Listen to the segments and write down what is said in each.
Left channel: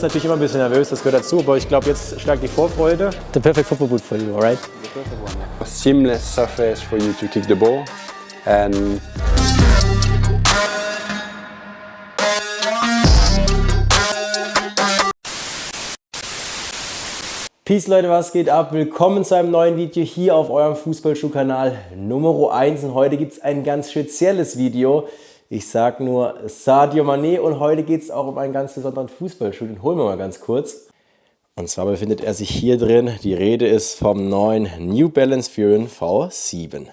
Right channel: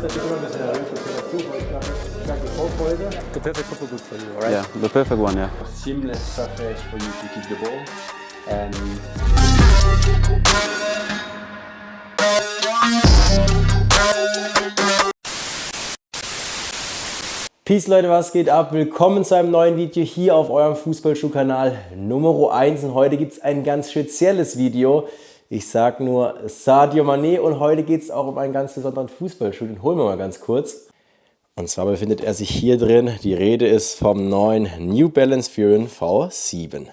ist natürlich immer ein bisschen nervös, das gehört dazu, aber ich glaube, jetzt schlagt die Vorfreude. The perfect football boot for you, right? Yeah, the perfect one, yeah. A seamless surface for you to kick the ball. And Peace Leute, was geht ab? Willkommen zu einem neuen Video hier auf eurem Fußballschuh Kanal Nummer 1 und heute gibt es ein ganz spezielles Video. Ich sag nur Sadio Mané und heute geht es auch um einen ganz besonderen Fußballschuh, den holen wir mal ganz kurz. Und zwar befindet er sich hier drin, die Rede ist vom neuen New Balance Furon V7.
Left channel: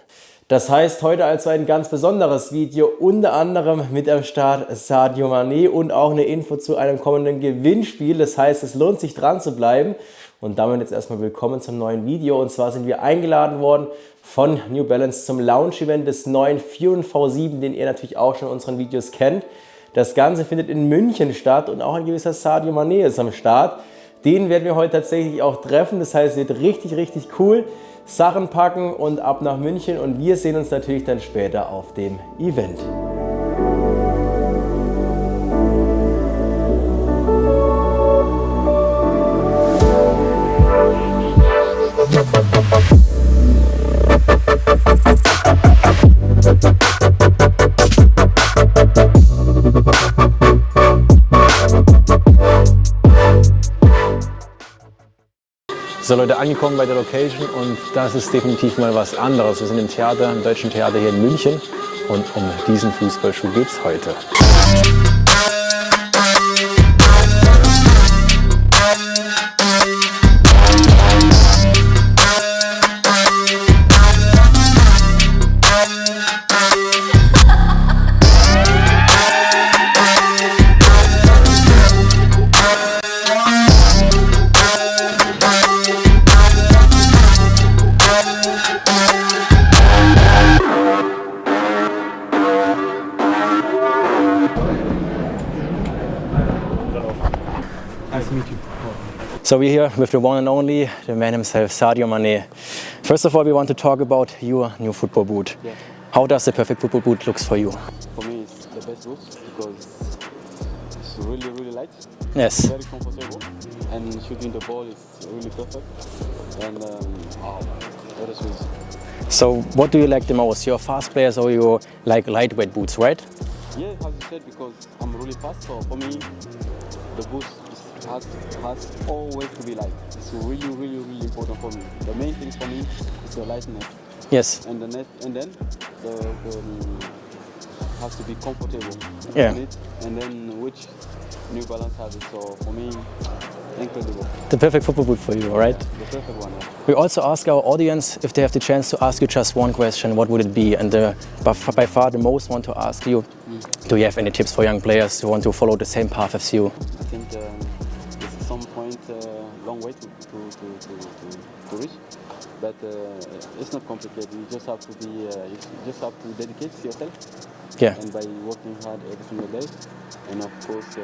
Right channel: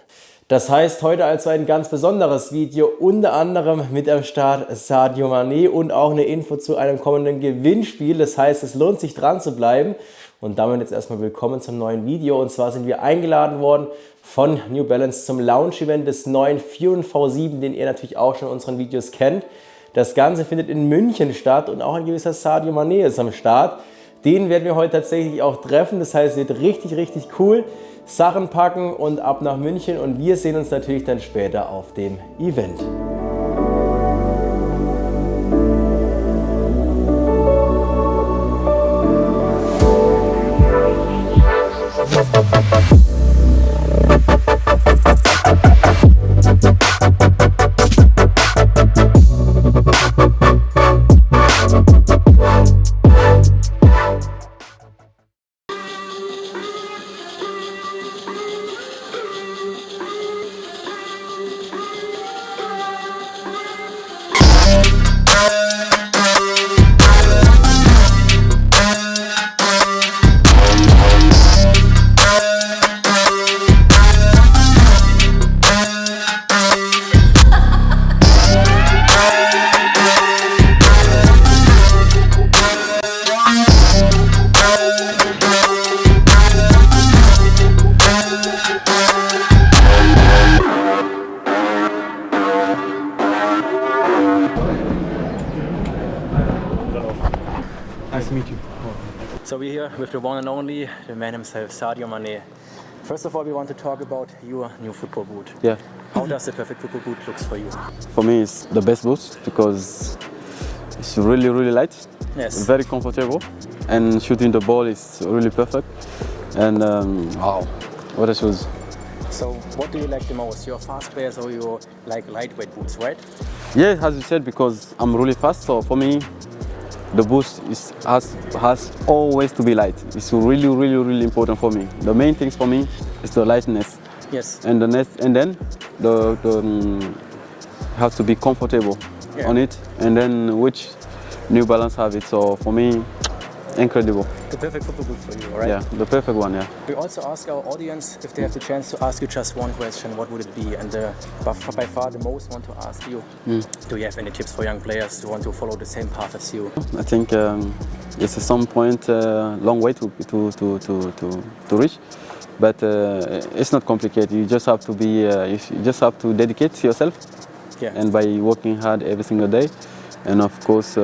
Das heißt, heute also ein ganz besonderes Video, unter anderem mit am Start Sadio Mané und auch eine Info zu einem kommenden Gewinnspiel. Das heißt, es lohnt sich dran zu bleiben. Und damit jetzt erstmal willkommen zum neuen Video. Und zwar sind wir eingeladen worden von New Balance zum Launch-Event des neuen Furon V7, den ihr natürlich auch schon in unseren Videos kennt. Das Ganze findet in München statt und auch ein gewisser Sadio Mané ist am Start. Den werden wir heute tatsächlich auch treffen. Das heißt, es wird richtig, richtig cool. Sachen packen und ab nach München. Und wir sehen uns natürlich dann später auf dem Event. So Leute, angekommen bei der Location und das ist definitiv mal was anderes. Wir sind im Theater, im Deutschen Theater hier in München und um diesen Fußballschuh geht es heute. Nice to meet you. So we're here with the one and only, the man himself, Sadio Mané. First of all, we want to talk about your new football boot. Yeah. How does the perfect football boot looks for you? For me, it's the best boot because it's really, really light. Yes. It's very comfortable, and shooting the ball is really perfect. And wow, what a shoes! So what do you like the most? You're a fast player, so you like lightweight boots, right? Yeah, as you said, because I'm really fast. So for me, the boot has always to be light. It's really, really, really important for me. The main things for me is the lightness. Yes. And then the has to be comfortable on it. And then which New Balance have it. So for me, incredible. The perfect football boot for you, right? Yeah, the perfect one, yeah. We also ask our audience if they have the chance to ask you just one question, what would it be? And by far the most want to ask you, do you have any tips for young players who want to follow the same path as you? I think it's at some point long way to reach, but it's not complicated. You just have to be, you just have to dedicate yourself, and by working hard every single day, and of course.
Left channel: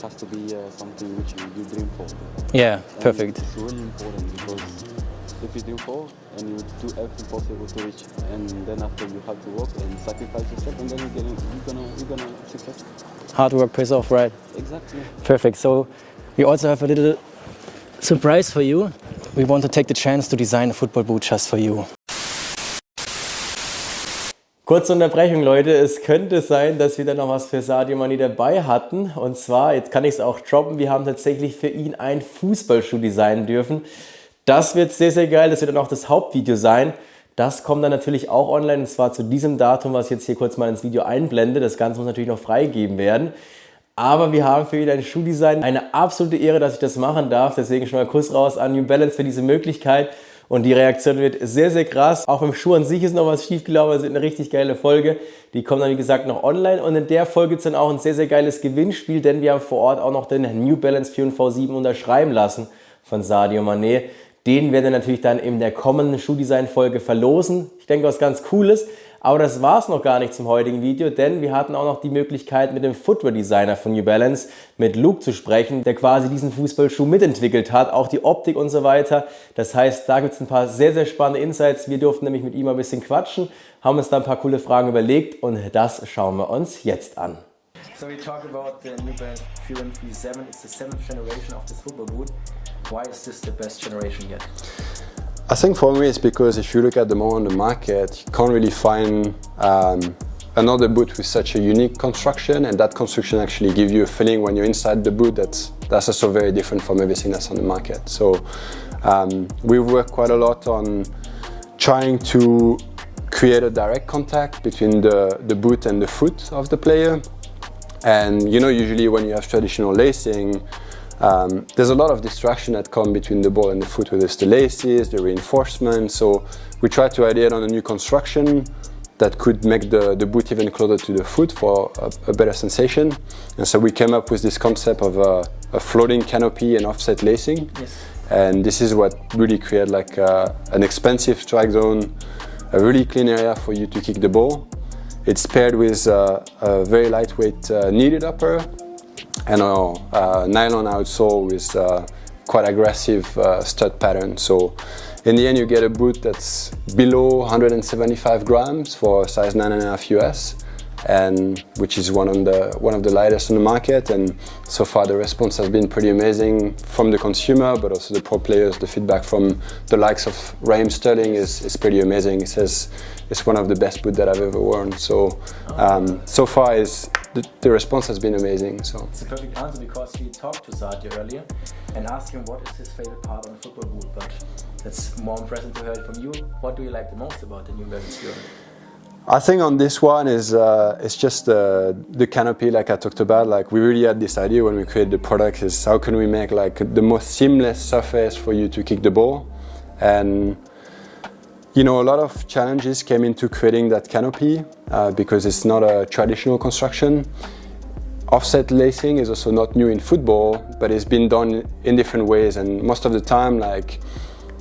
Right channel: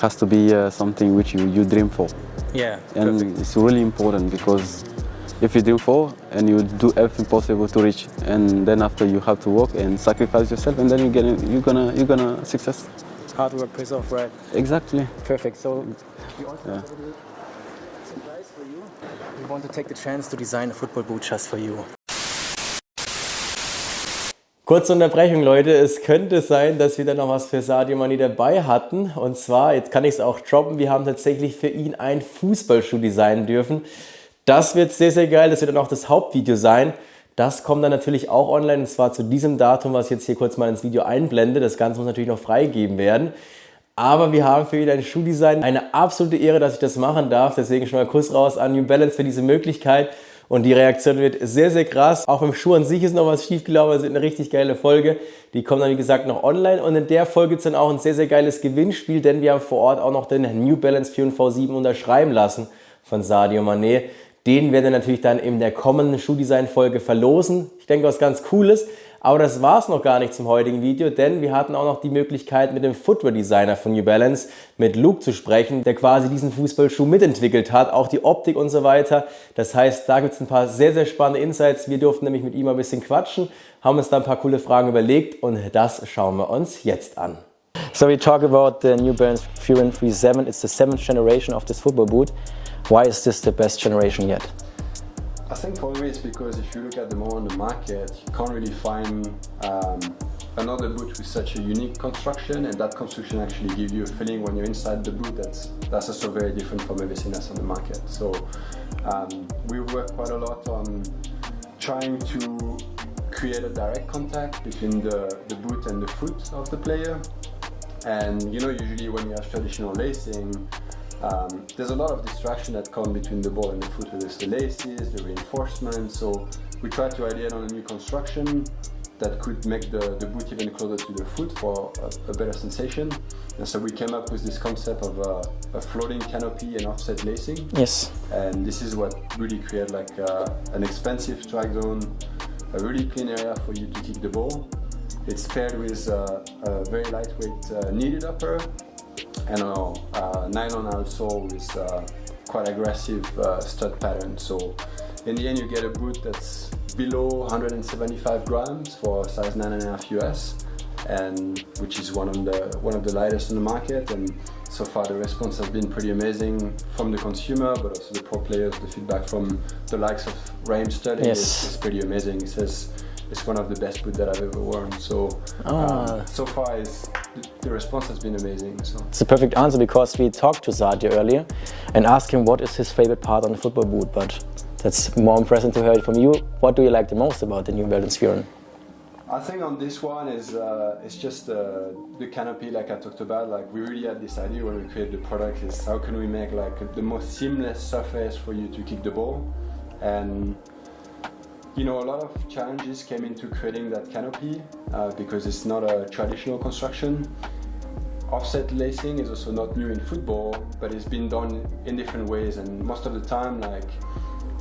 Has to be something which you dream for. Yeah, and perfect. It's really important because if you dream for and you do everything possible to reach, and then after you have to work and sacrifice yourself, and then you're gonna success. Hard work pays off, right? Exactly. Perfect. So we also have a little surprise for you. We want to take the chance to design a football boot just for you. Kurze Unterbrechung, Leute. Es könnte sein, dass wir da noch was für Sadio Mané dabei hatten. Und zwar, jetzt kann ich es auch droppen, wir haben tatsächlich für ihn einen Fußballschuh designen dürfen. Das wird sehr, sehr geil. Das wird dann auch das Hauptvideo sein. Das kommt dann natürlich auch online, und zwar zu diesem Datum, was ich jetzt hier kurz mal ins Video einblende. Das Ganze muss natürlich noch freigegeben werden. Aber wir haben für ihn ein Schuhdesign. Eine absolute Ehre, dass ich das machen darf. Deswegen schon mal Kuss raus an New Balance für diese Möglichkeit. Und die Reaktion wird sehr, sehr krass. Auch beim Schuh an sich ist noch was schiefgelaufen. Es wird eine richtig geile Folge. Die kommt dann, wie gesagt, noch online. Und in der Folge gibt es dann auch ein sehr, sehr geiles Gewinnspiel, denn wir haben vor Ort auch noch den New Balance Furon V7 unterschreiben lassen von Sadio Mané. Den werden wir natürlich dann in der kommenden Schuhdesign-Folge verlosen. Ich denke, was ganz Cooles. Aber das war es noch gar nicht zum heutigen Video, denn wir hatten auch noch die Möglichkeit, mit dem Footwear-Designer von New Balance, mit Luke, zu sprechen, der quasi diesen Fußballschuh mitentwickelt hat, auch die Optik und so weiter. Das heißt, da gibt es ein paar sehr, sehr spannende Insights. Wir durften nämlich mit ihm ein bisschen quatschen, haben uns da ein paar coole Fragen überlegt und das schauen wir uns jetzt an. So we talk about the New Balance Furon 37. It's the 7th generation of this football boot. Why is this the best generation yet? I think for me it's because if you look at the more on the market, you can't really find another boot with such a unique construction, and that construction actually gives you a feeling when you're inside the boot that's also very different from everything that's on the market. So we've worked quite a lot on trying to create a direct contact between the boot and the foot of the player. And you know, usually when you have traditional lacing, there's a lot of distraction that come between the ball and the foot, whether it's the laces, the reinforcement. So we try to ideate on a new construction that could make the boot even closer to the foot for a better sensation. And so we came up with this concept of a floating canopy and offset lacing. Yes. And this is what really created like an expansive strike zone, a really clean area for you to kick the ball. It's paired with a very lightweight kneaded upper and a nylon outsole with quite aggressive stud pattern. So in the end, you get a boot that's below 175 grams for size 9.5 US, and which is one of the lightest on the market. And so far, the response has been pretty amazing from the consumer, but also the pro players. The feedback from the likes of Raheem Sterling is pretty amazing. He says it's one of the best boots that I've ever worn. So so far, the response has been amazing. So it's a perfect answer, because we talked to Sadio earlier and asked him what is his favorite part on the football boot, but that's more impressive to hear it from you. What do you like the most about the New Balance Furon? I think on this one is it's just the canopy, like I talked about. Like we really had this idea when we created the product, is how can we make like the most seamless surface for you to kick the ball. And you know, a lot of challenges came into creating that canopy because it's not a traditional construction. Offset lacing is also not new in football, but it's been done in different ways, and most of the time, like,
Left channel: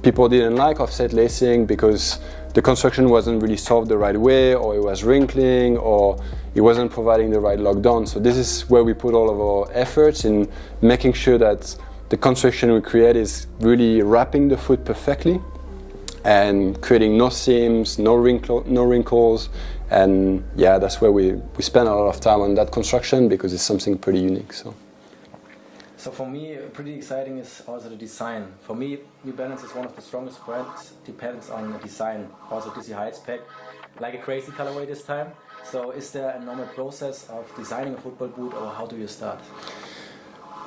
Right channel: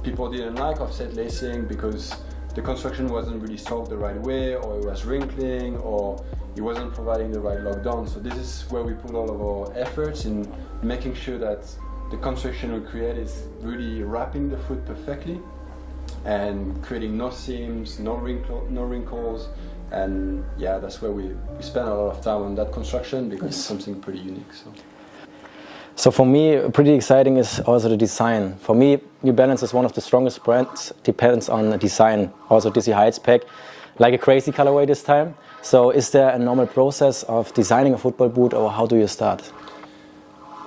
people didn't like offset lacing because the construction wasn't really solved the right way, or it was wrinkling, or it wasn't providing the right lockdown. So this is where we put all of our efforts in making sure that the construction we create is really wrapping the foot perfectly and creating no seams, no wrinkles. And yeah, that's where we spend a lot of time on that construction, because it's something pretty unique. So for me, pretty exciting is also the design. For me, New Balance is one of the strongest brands, depends on the design. Also Dizzy Heights pack, like a crazy colorway this time. So is there a normal process of designing a football boot, or how do you start?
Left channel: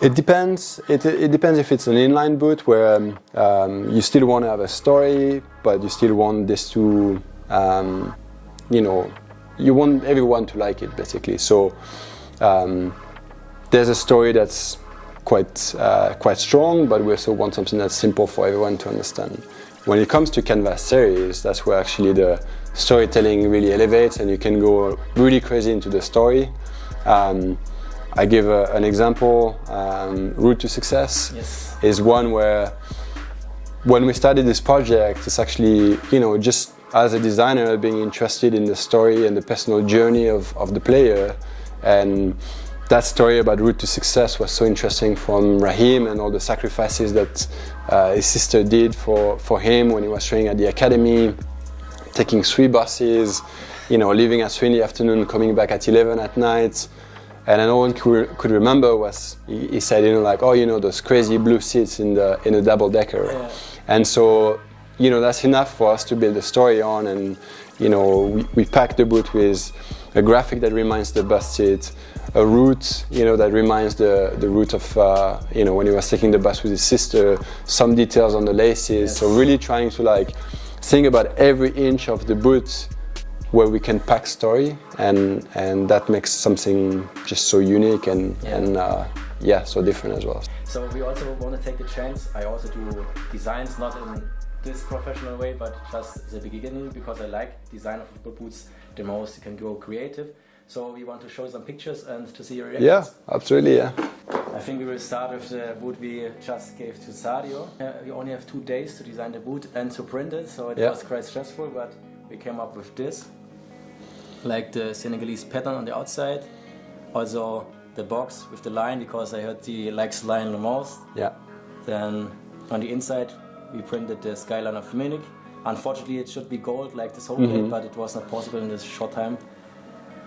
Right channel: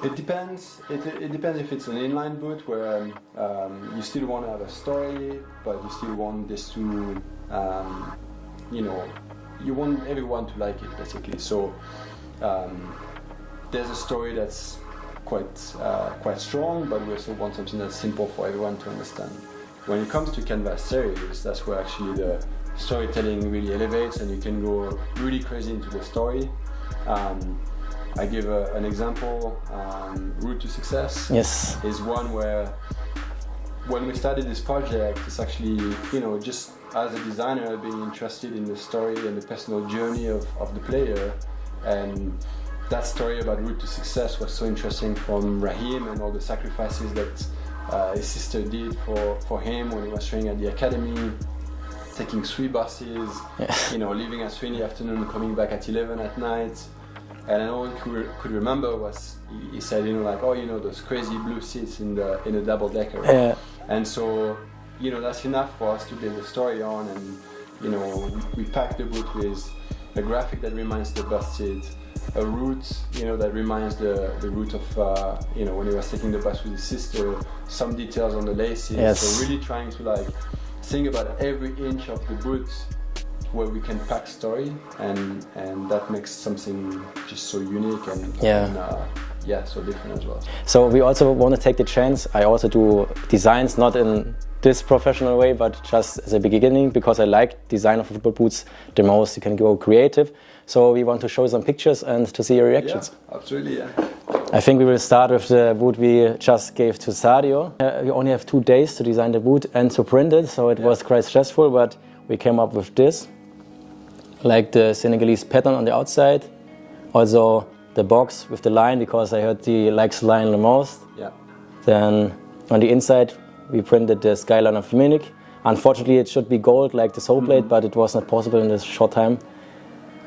It depends. It depends if it's an inline boot where you still want to have a story, but you still want this to, you know, you want everyone to like it, basically. So there's a story that's quite strong, but we also want something that's simple for everyone to understand. When it comes to canvas series, that's where actually the storytelling really elevates, and you can go really crazy into the story. I give an example. Route to Success is one where, when we started this project, it's actually, you know, just as a designer being interested in the story and the personal journey of the player. And that story about Route to Success was so interesting from Raheem, and all the sacrifices that his sister did for him when he was training at the academy, taking 3 buses, you know, leaving at 3 in the afternoon, coming back at 11 at night. And no one could remember was, he said, you know, like, oh, you know, those crazy blue seats in a double decker. Yeah. And so, you know, that's enough for us to build a story on. And, you know, we packed the boot with a graphic that reminds the bus seat, a route, you know, that reminds the route of, you know, when he was taking the bus with his sister, some details on the laces. So really trying to, like, think about every inch of the boot where we can pack story, and that makes something just so unique and so different as well. So we also want to take the chance. I also do designs, not in this professional way, but just as a beginning, because I like design of football boots the most. You can go creative. So we want to show some pictures and to see your reactions. Yeah, absolutely, yeah. I think we will start with the boot we just gave to Sadio. We only have 2 days to design the boot and to print it, so it was quite stressful, but we came up with this. Like the Senegalese pattern on the outside. Also the box with the line, because I heard he likes the line the most. Yeah. Then on the inside we printed the skyline of Munich. Unfortunately it should be gold like the sole plate, but it was not possible in this short time.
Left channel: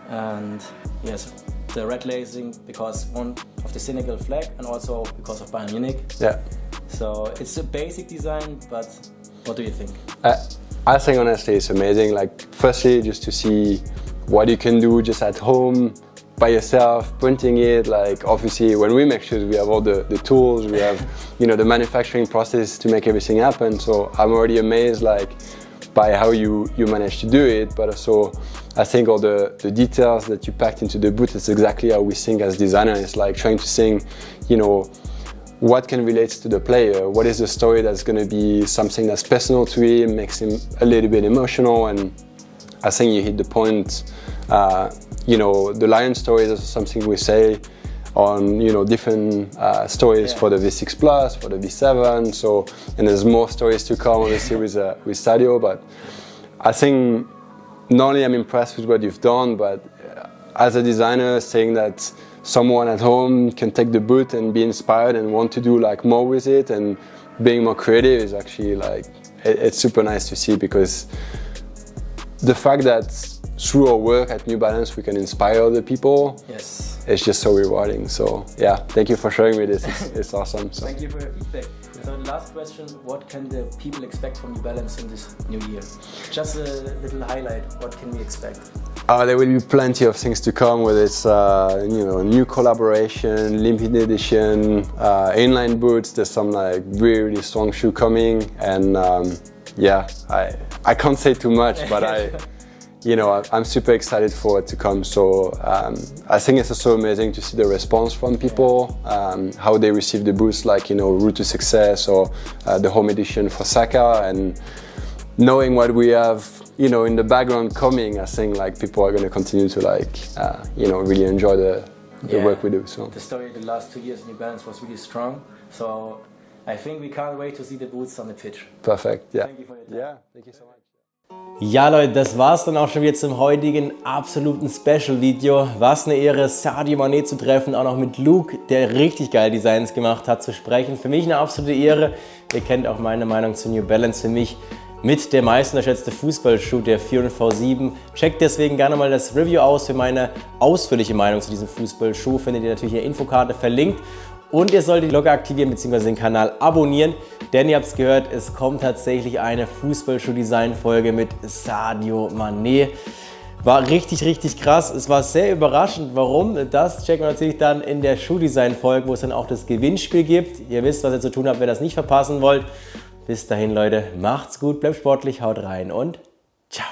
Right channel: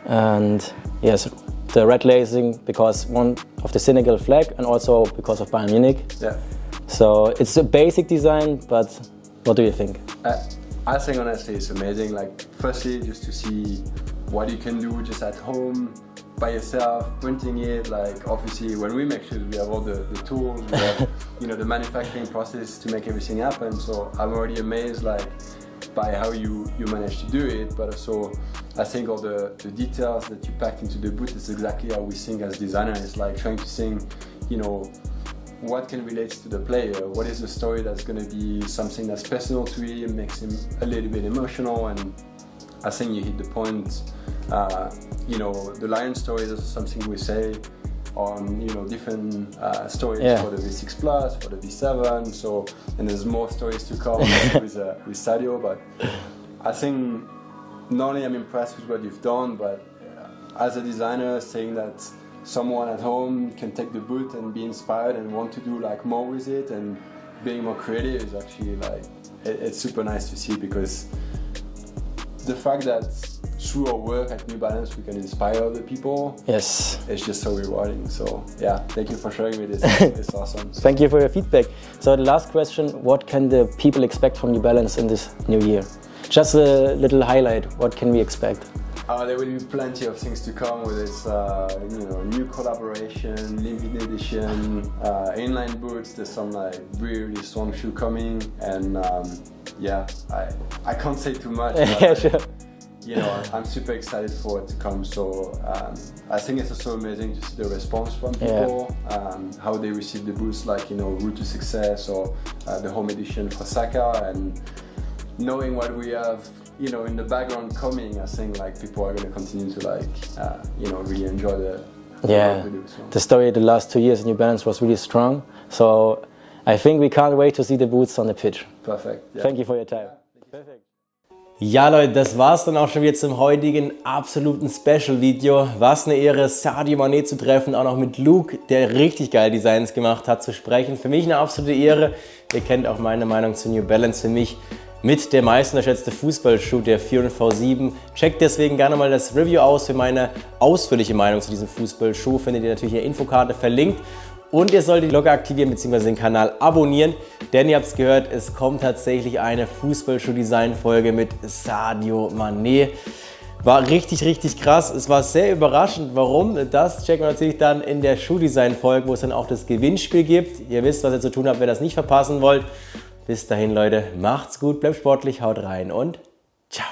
And yes, the red lacing because one of the Senegal flag and also because of Bayern Munich. Yeah. So it's a basic design, but what do you think? I think honestly it's amazing. Like firstly, just to see what you can do just at home by yourself, printing it. Like obviously, when we make shoes, we have all the tools, we have the manufacturing process to make everything happen. So I'm already amazed like by how you managed to do it. But also, I think all the details that you packed into the boot is exactly how we think as designers. It's like trying to think, what can relate to the player? What is the story that's going to be something that's personal to him, makes him a little bit emotional? And I think you hit the point. The lion stories is something we say on different stories for the V6 Plus, for the V7. So, and there's more stories to come obviously with Sadio. But I think not only I'm impressed with what you've done, but as a designer, saying that someone at home can take the boot and be inspired and want to do like more with it and being more creative is actually like it's super nice to see, because the fact that through our work at New Balance we can inspire other people, yes, it's just so rewarding. So yeah, thank you for showing me this. It's awesome. So. Thank you for your feedback. So the last question, what can the people expect from New Balance in this new year? Just a little highlight, what can we expect? There will be plenty of things to come, whether it's new collaboration, limited edition, inline boots. There's some like really strong shoe coming, and I can't say too much, but I'm super excited for it to come. So I think it's also amazing to see the response from people, how they receive the boots, like Route to Success or the home edition for Saka, and knowing what we have in the background coming, I think like people are going to continue to really enjoy the work we do. So. The story the last 2 years in New Balance was really strong. So I think we can't wait to see the boots on the pitch. Perfect. Yeah. Thank you for your time. Yeah, thank you so much. Ja Leute, das war's dann auch schon wieder zum heutigen absoluten Special-Video. Was eine Ehre, Sadio Mané zu treffen, auch noch mit Luke, der richtig geile Designs gemacht hat, zu sprechen. Für mich eine absolute Ehre. Ihr kennt auch meine Meinung zu New Balance. Für mich mit der meist unterschätzte Fußballschuh, der 4 und V7. Checkt deswegen gerne mal das Review aus für meine ausführliche Meinung zu diesem Fußballschuh. Findet ihr natürlich in der Infokarte verlinkt. Und ihr solltet die Glocke aktivieren bzw. den Kanal abonnieren, denn ihr habt es gehört, es kommt tatsächlich eine Fußballschuh-Design-Folge mit Sadio Mané. War richtig, richtig krass. Es war sehr überraschend. Warum? Das checken wir natürlich dann in der Schuhdesign-Folge, wo es dann auch das Gewinnspiel gibt. Ihr wisst, was ihr zu tun habt, wenn ihr das nicht verpassen wollt. Bis dahin, Leute, macht's gut, bleibt sportlich, haut rein und ciao.